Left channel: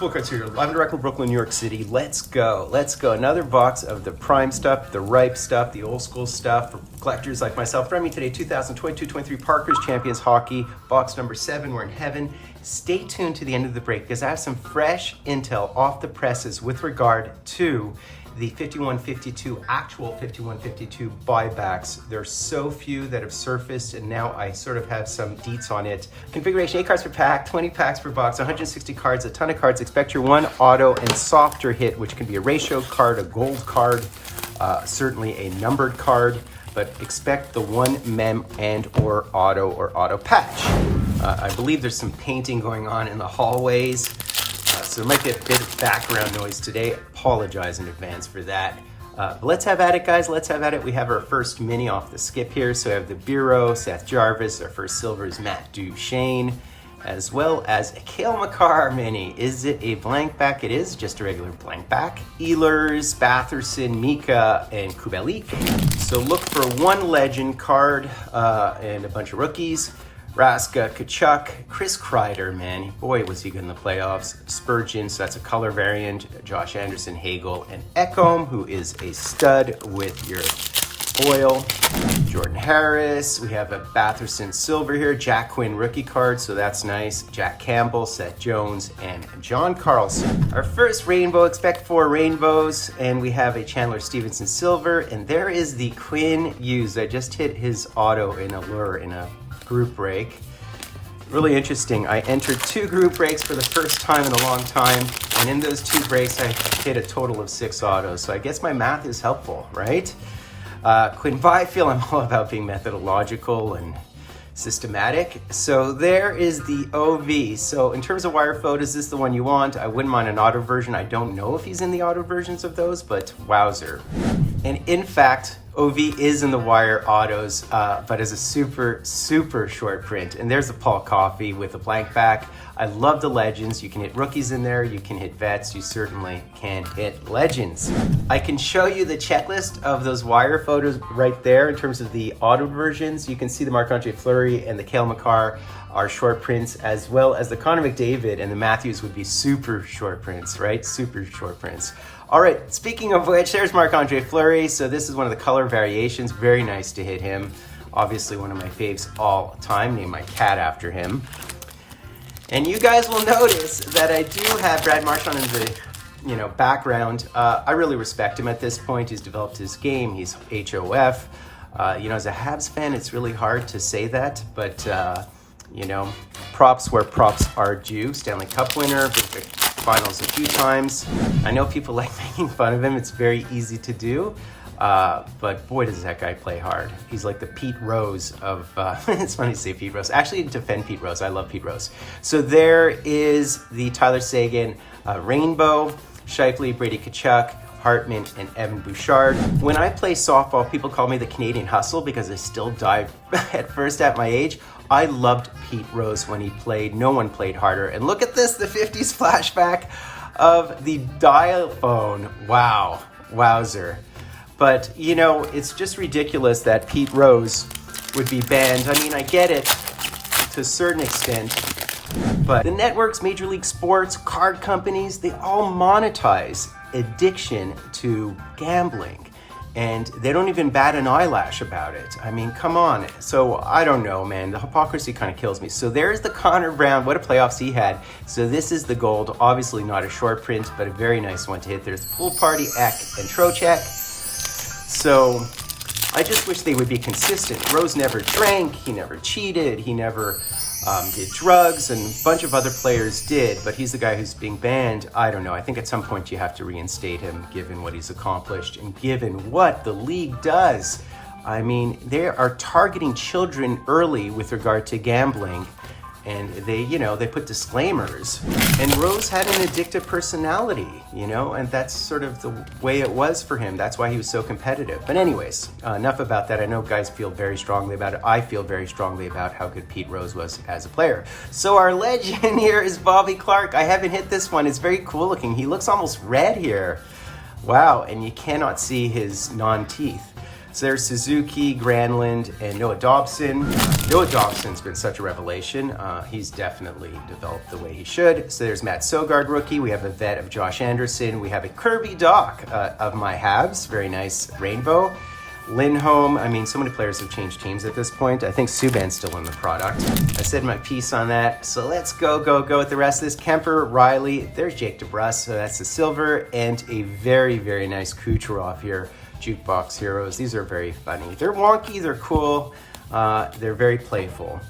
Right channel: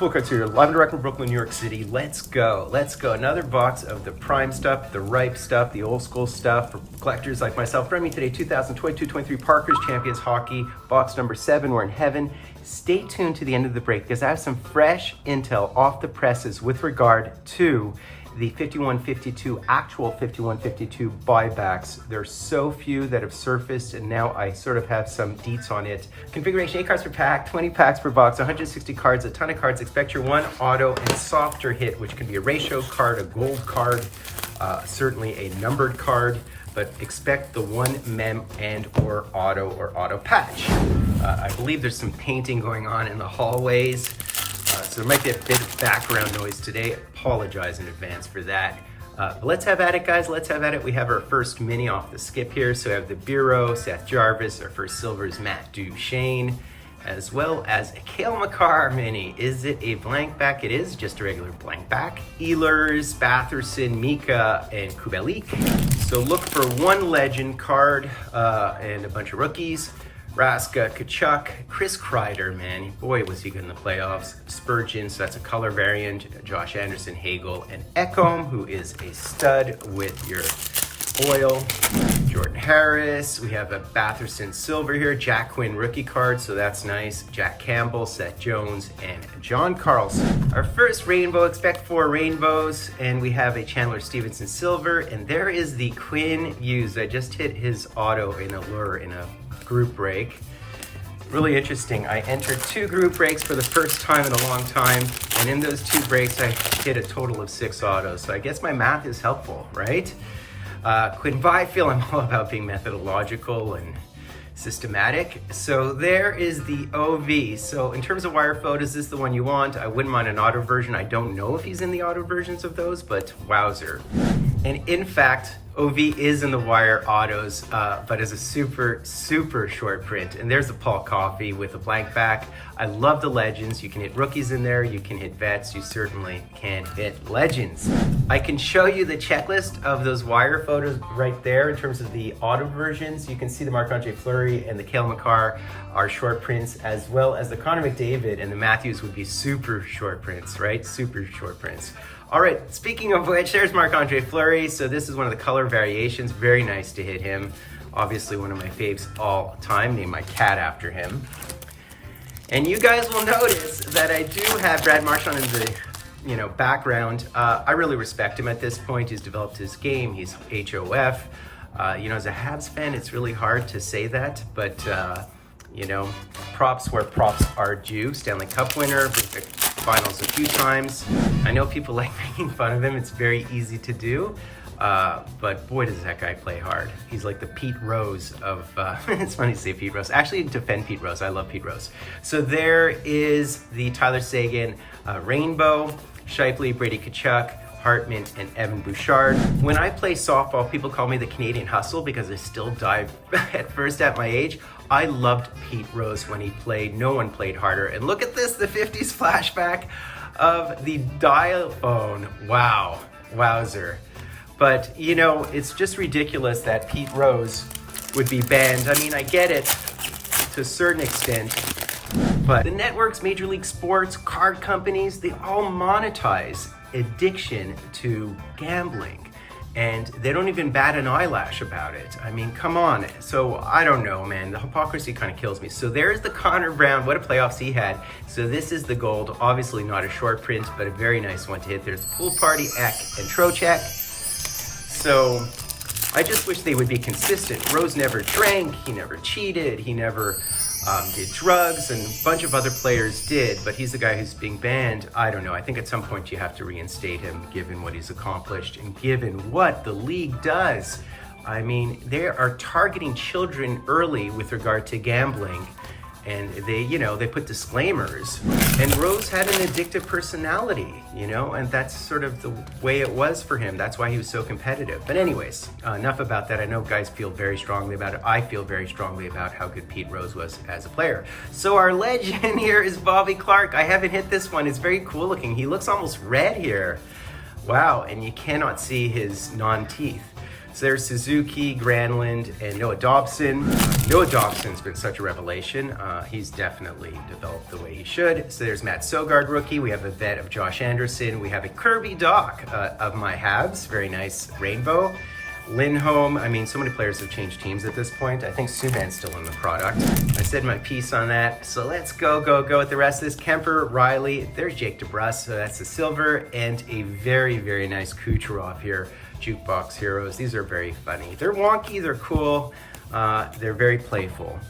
Fultoncards here, live and direct from Brooklyn, New York City. Let's go. Let's go. Another box of the prime stuff, the ripe stuff, the old school stuff for collectors like myself. For me today, 2022-23 Parkhurst Champions Hockey, box number 7. We're in heaven. Stay tuned to the end of the break because I have some fresh intel off the presses with regard to the 5152, actual 5152 buybacks. There's so few that have surfaced, and now I sort of have some deets on it. Configuration: 8 cards per pack, 20 packs per box, 160 cards, a ton of cards. Expect your one auto and softer hit, which can be a ratio card, a gold card, certainly a numbered card, but expect the one mem and or auto patch. I believe there's some painting going on in the hallways. So there might be a bit of background noise today. Apologize in advance for that. But let's have at it, guys. Let's have at it. We have our first mini off the skip here. So we have the Bureau, Seth Jarvis. Our first silver is Matt Duchesne, as well as a Cale Makar mini. Is it a blank back? It is just a regular blank back. Ehlers, Batherson, Mika, and Kubelik. So look for one legend card and a bunch of rookies. Raska, Kachuk, Chris Kreider, man, boy was he good in the playoffs. Spurgeon, so that's a color variant. Josh Anderson, Hagel, and Ekholm, who is a stud with your foil. Jordan Harris, we have a Batherson silver here. Jack Quinn rookie card, so that's nice. Jack Campbell, Seth Jones, and John Carlson. Our first rainbow, expect 4 rainbows, and we have a Chandler Stevenson silver, and there is the Quinn Hughes. I just hit his auto in a lure in a group break. Really interesting. I entered 2 group breaks for the first time in a long time, and in those 2 breaks I hit a total of 6 autos, so I guess my math is helpful, right? Quinn Byfield, I'm all about being methodological and systematic. So there is the OV. So in terms of wire photos, is this the one you want? I wouldn't mind an auto version. I don't know if he's in the auto versions of those, but wowzer. And in fact, OV is in the wire autos, but as a super, super short print. And there's the Paul Coffey with a blank back. I love the legends. You can hit rookies in there. You can hit vets. You certainly can hit legends. I can show you the checklist of those wire photos right there in terms of the auto versions. You can see the Marc-Andre Fleury and the Cale Makar are short prints, as well as the Connor McDavid and the Matthews would be super short prints, right? Super short prints. All right, speaking of which, there's Marc-Andre Fleury. So this is one of the color variations. Very nice to hit him. Obviously one of my faves all time, named my cat after him. And you guys will notice that I do have Brad Marchand in the background. I really respect him at this point. He's developed his game. He's HOF. As a Habs fan, it's really hard to say that, but props where props are due. Stanley Cup winner, Buyback finals a few times. I know people like making fun of him. It's very easy to do. But boy, does that guy play hard. He's like the Pete Rose of, it's funny to say Pete Rose. Actually, defend Pete Rose. I love Pete Rose. So there is the Tyler Seguin Rainbow, Shifley, Brady Kachuk, Hartman, and Evan Bouchard. When I play softball, people call me the Canadian Hustle because I still dive at first at my age. I loved Pete Rose when he played. No one played harder. And look at this, the 50s flashback of the dial phone. Wow, wowzer. But, it's just ridiculous that Pete Rose would be banned. I mean, I get it to a certain extent, but the networks, Major League Sports, card companies, they all monetize addiction to gambling. And they don't even bat an eyelash about it. I mean, come on. So I don't know, man. The hypocrisy kind of kills me. So there's the Connor Brown. What a playoffs he had. So this is the gold. Obviously not a short print, but a very nice one to hit. There's the Pool Party, Eck, and Trocheck. So I just wish they would be consistent. Rose never drank, he never cheated, he never did drugs, and a bunch of other players did, but he's the guy who's being banned. I don't know, I think at some point you have to reinstate him given what he's accomplished and given what the league does. I mean, they are targeting children early with regard to gambling, and they put disclaimers. And Rose had an addictive personality, and that's sort of the way it was for him. That's why he was so competitive. But anyways, enough about that. I know guys feel very strongly about it. I feel very strongly about how good Pete Rose was as a player. So our legend here is Bobby Clarke. I haven't hit this one. It's very cool looking. He looks almost red here. Wow, and you cannot see his non-teeth. So there's Suzuki, Granlund, and Noah Dobson. Noah Dobson's been such a revelation. He's definitely developed the way he should. So there's Matt Sogard, rookie. We have a vet of Josh Anderson. We have a Kirby Doc of my Habs. Very nice rainbow. Lindholm, I mean, so many players have changed teams at this point. I think Subban's still in the product. I said my piece on that. So let's go with the rest of this. Kemper, Riley, there's Jake DeBrusk. So that's the silver, and a very, very nice Kucherov here. Jukebox Heroes. These are very funny. They're wonky, they're cool, they're very playful.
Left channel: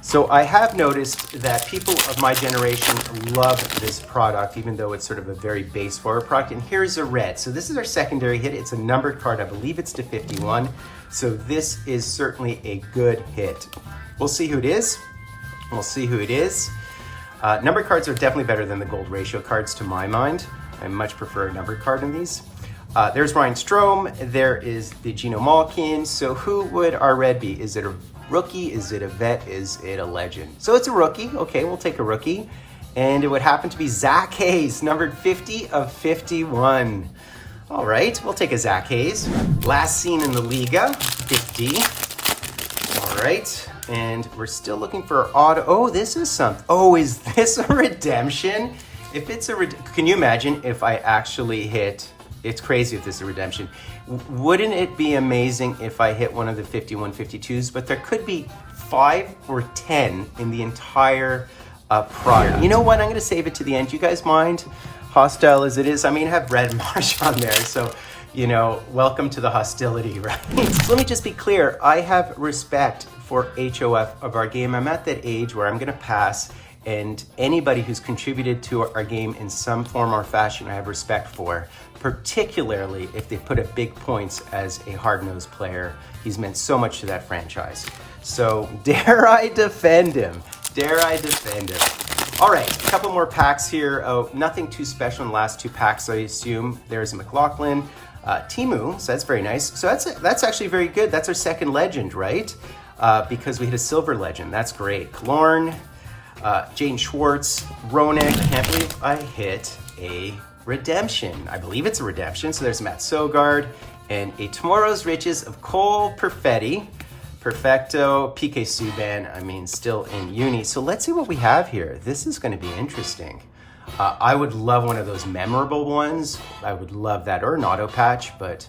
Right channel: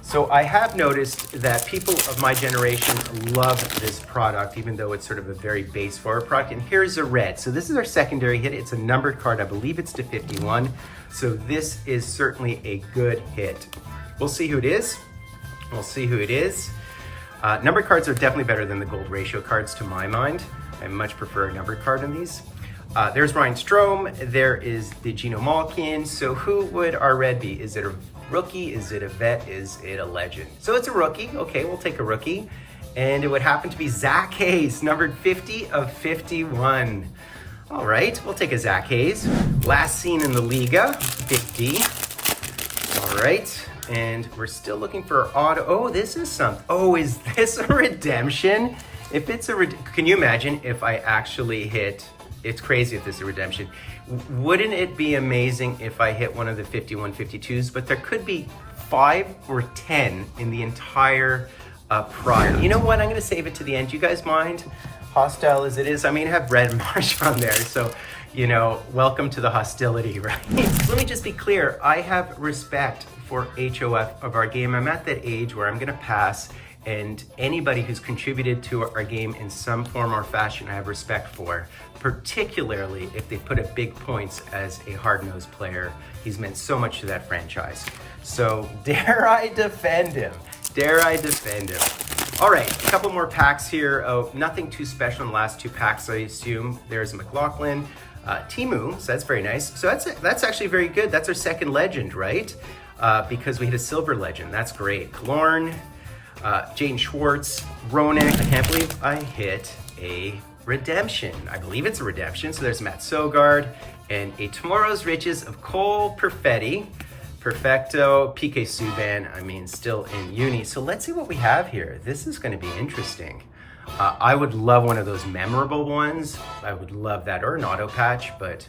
So I have noticed that people of my generation love this product, even though it's sort of a very base forward product. And here's a red. So this is our secondary hit. It's a numbered card. I believe it's to 51. So this is certainly a good hit. We'll see who it is. We'll see who it is. Numbered cards are definitely better than the gold ratio cards to my mind. I much prefer a numbered card in these. There's Ryan Strome, there is the Geno Malkin. So who would our red be? Is it a rookie? Is it a vet? Is it a legend? So it's a rookie. Okay, we'll take a rookie. And it would happen to be Zach Hayes, numbered 50 of 51. All right, we'll take a Zach Hayes. Last seen in the Liga, 50. All right, and we're still looking for auto. Oh, this is something. Oh, is this a redemption? If it's a can you imagine if I actually hit, it's crazy if this is a redemption. Wouldn't it be amazing if I hit one of the 51 52s? But there could be 5 or 10 in the entire product. You know what? I'm going to save it to the end. Do you guys mind? Hostile as it is. I mean, I have Red Marsh on there. So, you know, welcome to the hostility, right? So let me just be clear. I have respect for HOF of our game. I'm at that age where I'm going to pass. And anybody who's contributed to our game in some form or fashion, I have respect for, particularly if they put up big points as a hard-nosed player. He's meant so much to that franchise. So dare I defend him? Dare I defend him? All right, a couple more packs here. Oh, nothing too special in the last 2 packs, I assume. There's McLaughlin, Timu, so that's very nice. So that's actually very good. That's our second legend, right? Because we hit a silver legend. That's great. Killorn, Jane Schwartz, Roenick. I can't believe I hit a redemption. I believe it's a redemption. So there's Matt Sogard and a Tomorrow's Riches of Cole Perfetti. Perfecto, PK Subban, I mean, still in uni. So let's see what we have here. This is going to be interesting. I would love one of those memorable ones. I would love that, or an auto patch, but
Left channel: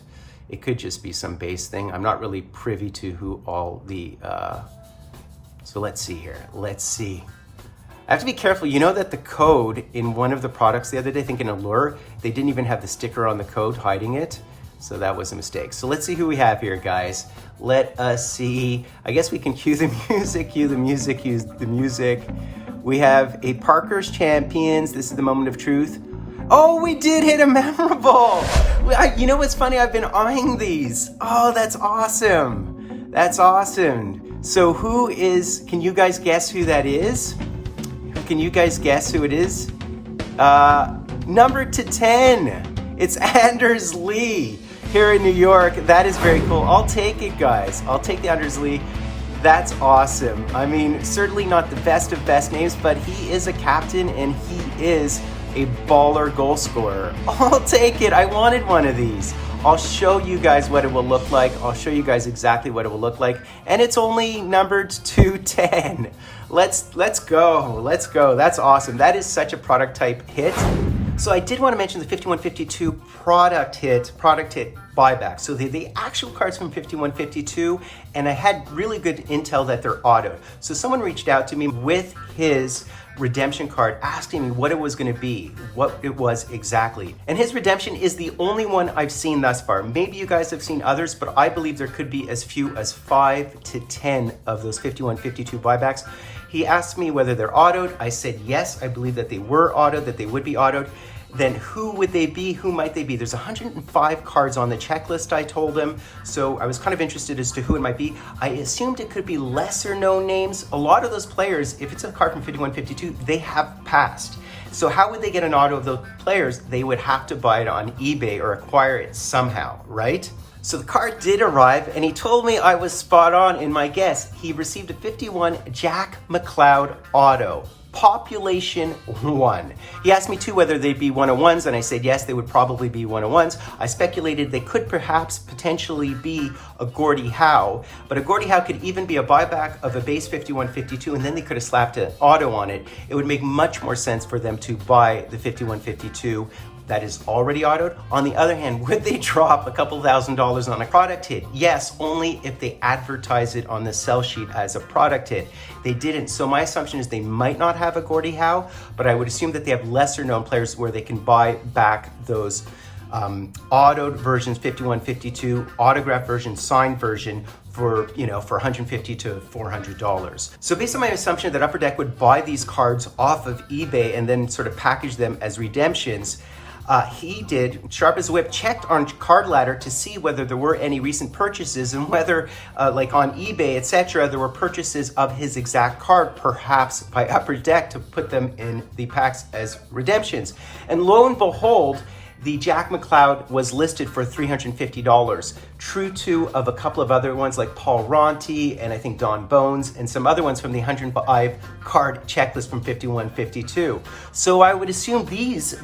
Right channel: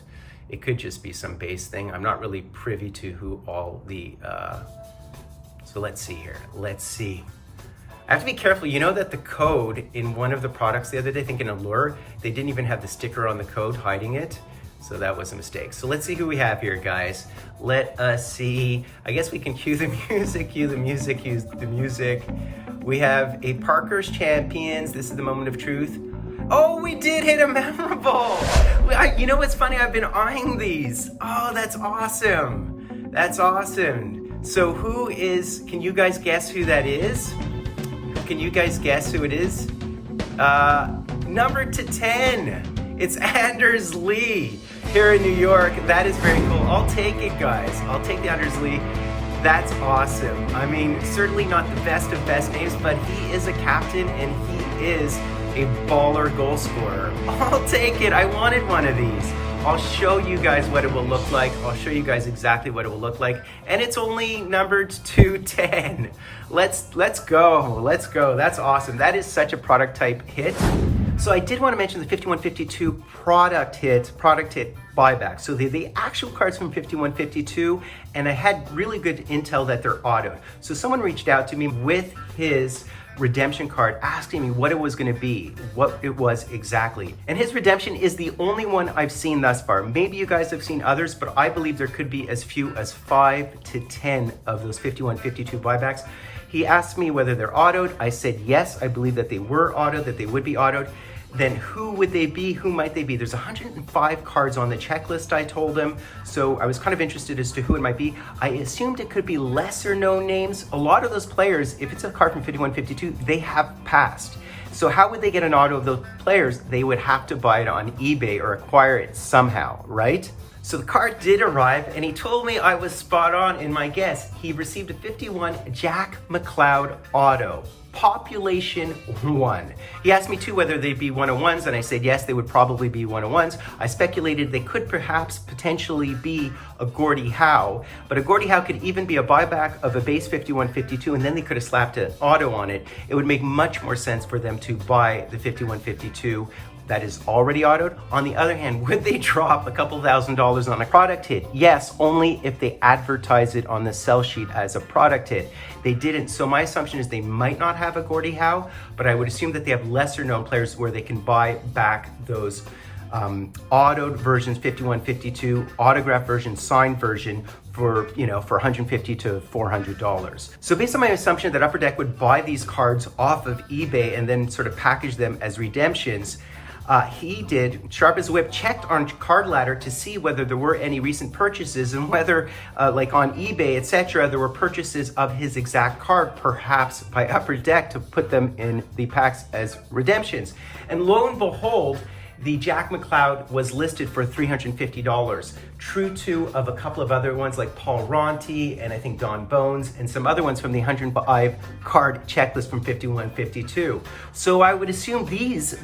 it could just be some base thing. I'm not really privy to who all the, so let's see here. Let's see. I have to be careful. You know that the code in one of the products the other day, I think in Allure, they didn't even have the sticker on the code hiding it. So that was a mistake. So let's see who we have here, guys. Let us see. I guess we can cue the music, cue the music, cue the music. We have a Parkhurst Champions. This is the moment of truth. Oh, we did hit a memorable. You know what's funny? I've been eyeing these. Oh, that's awesome. That's awesome. So who is, can you guys guess who that is? Can you guys guess who it is? Number to 10. It's Anders Lee here in New York. That is very cool. I'll take it, guys. I'll take the Anders Lee. That's awesome. I mean, certainly not the best of best names, but he is a captain and he is a baller goal scorer. I'll take it. I wanted one of these. I'll show you guys what it will look like. I'll show you guys exactly what it will look like. And it's only numbered to 10. Let's go. Let's go. That's awesome. That is such a product type hit. So I did want to mention the 5152 product hit buyback. So they're the actual cards from 5152, and I had really good intel that they're autoed. So someone reached out to me with his redemption card asking me what it was going to be, what it was exactly. And his redemption is the only one I've seen thus far. Maybe you guys have seen others, but I believe there could be as few as 5 to 10 of those 5152 buybacks. He asked me whether they're autoed. I said yes, I believe that they were autoed, that they would be autoed. Then who would they be? Who might they be? There's 105 cards on the checklist, I told him. So I was kind of interested as to who it might be. I assumed it could be lesser known names. A lot of those players, if it's a card from 5152, they have passed. So how would they get an auto of those players? They would have to buy it on eBay or acquire it somehow, right? So the card did arrive, and he told me I was spot on in my guess. He received a 51 Jack McLeod auto. Population 1. He asked me too whether they'd be 101s, and I said yes, they would probably be 101s. I speculated they could perhaps potentially be a Gordie Howe, but a Gordie Howe could even be a buyback of a base 5152, and then they could have slapped an auto on it. It would make much more sense for them to buy the 5152 that is already autoed. On the other hand, would they drop a couple $1,000s on a product hit? Yes, only if they advertise it on the sell sheet as a product hit. They didn't, so my assumption is they might not have a Gordie Howe, but I would assume that they have lesser known players where they can buy back those autoed versions, 5152, autograph version, signed version, for, you know, for $150 to $400. So based on my assumption that Upper Deck would buy these cards off of eBay and then sort of package them as redemptions, he did, sharp as a whip, checked on Card Ladder to see whether there were any recent purchases and whether, like on eBay, etc., there were purchases of his exact card, perhaps by Upper Deck, to put them in the packs as redemptions. And lo and behold, the Jack McLeod was listed for $350, true to of a couple of other ones like Paul Ronti and I think Don Bones and some other ones from the 105 card checklist from 5152. So I would assume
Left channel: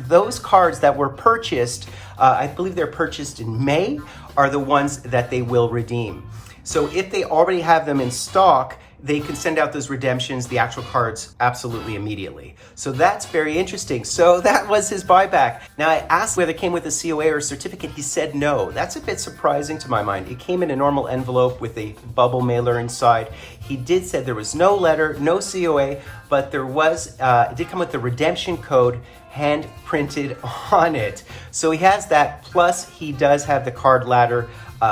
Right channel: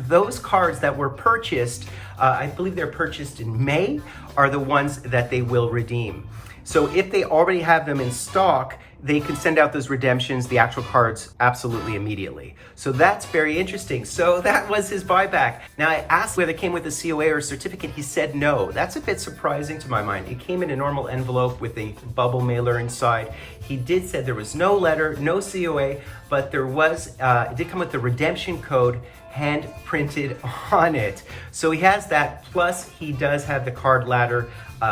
those cards that were purchased, I believe they're purchased in May, are the ones that they will redeem. So if they already have them in stock, they can send out those redemptions, the actual cards, absolutely immediately. So that's very interesting. So that was his buyback. Now I asked whether it came with a COA or a certificate. He said no. That's a bit surprising to my mind. It came in a normal envelope with a bubble mailer inside. He did say there was no letter, no COA, but there was, it did come with the redemption code hand printed on it. So he has that, plus he does have the Card Ladder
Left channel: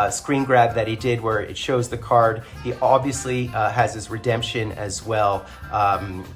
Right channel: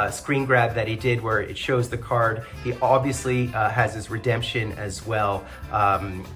screen grab that he did where it shows the card. He obviously has his redemption as well,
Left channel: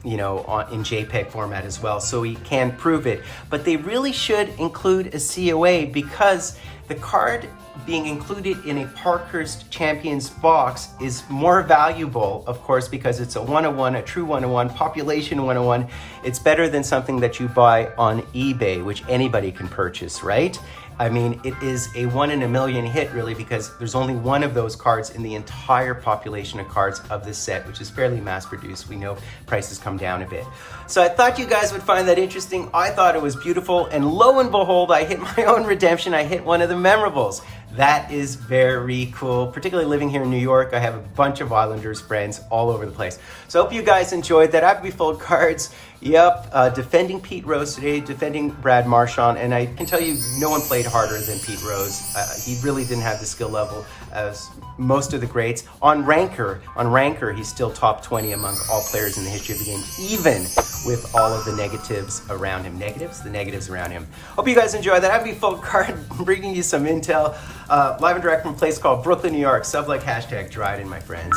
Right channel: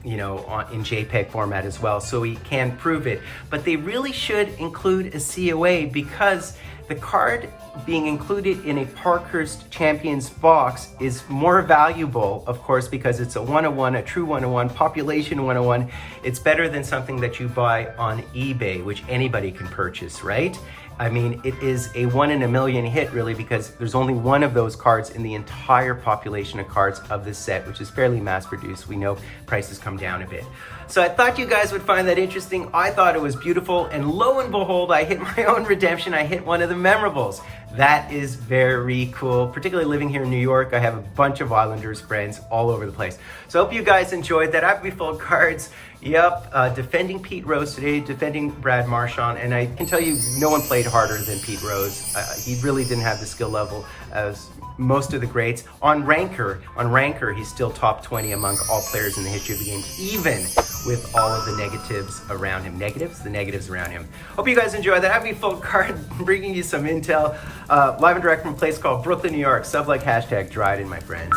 you know, in JPEG format as well, so he can prove it. But they really should include a COA because the card being included in a Parkhurst Champions box is more valuable, of course, because it's a 101, a true 101, population 101. It's better than something that you buy on eBay, which anybody can purchase, right? I mean, it is a 1 in a million hit, really, because there's only one of those cards in the entire population of cards of this set, which is fairly mass-produced. We know prices come down a bit. So I thought you guys would find that interesting. I thought it was beautiful, and lo and behold, I hit my own redemption. I hit one of the memorables. That is very cool, particularly living here in New York. I have a bunch of Islanders friends all over the place. So I hope you guys enjoyed that. Happy Fultoncards. Yep, defending Pete Rose today, defending Brad Marchand, and I can tell you no one played harder than Pete Rose. He really didn't have the skill level as most of the greats. On Ranker, he's still top 20 among all players in the history of the game, even with all of the negatives around him. The negatives around him. Hope you guys enjoyed that. Happy Fultoncards, bringing you some intel. Live and direct from a place called Brooklyn, New York. Sub like hashtag Dryden, my friends.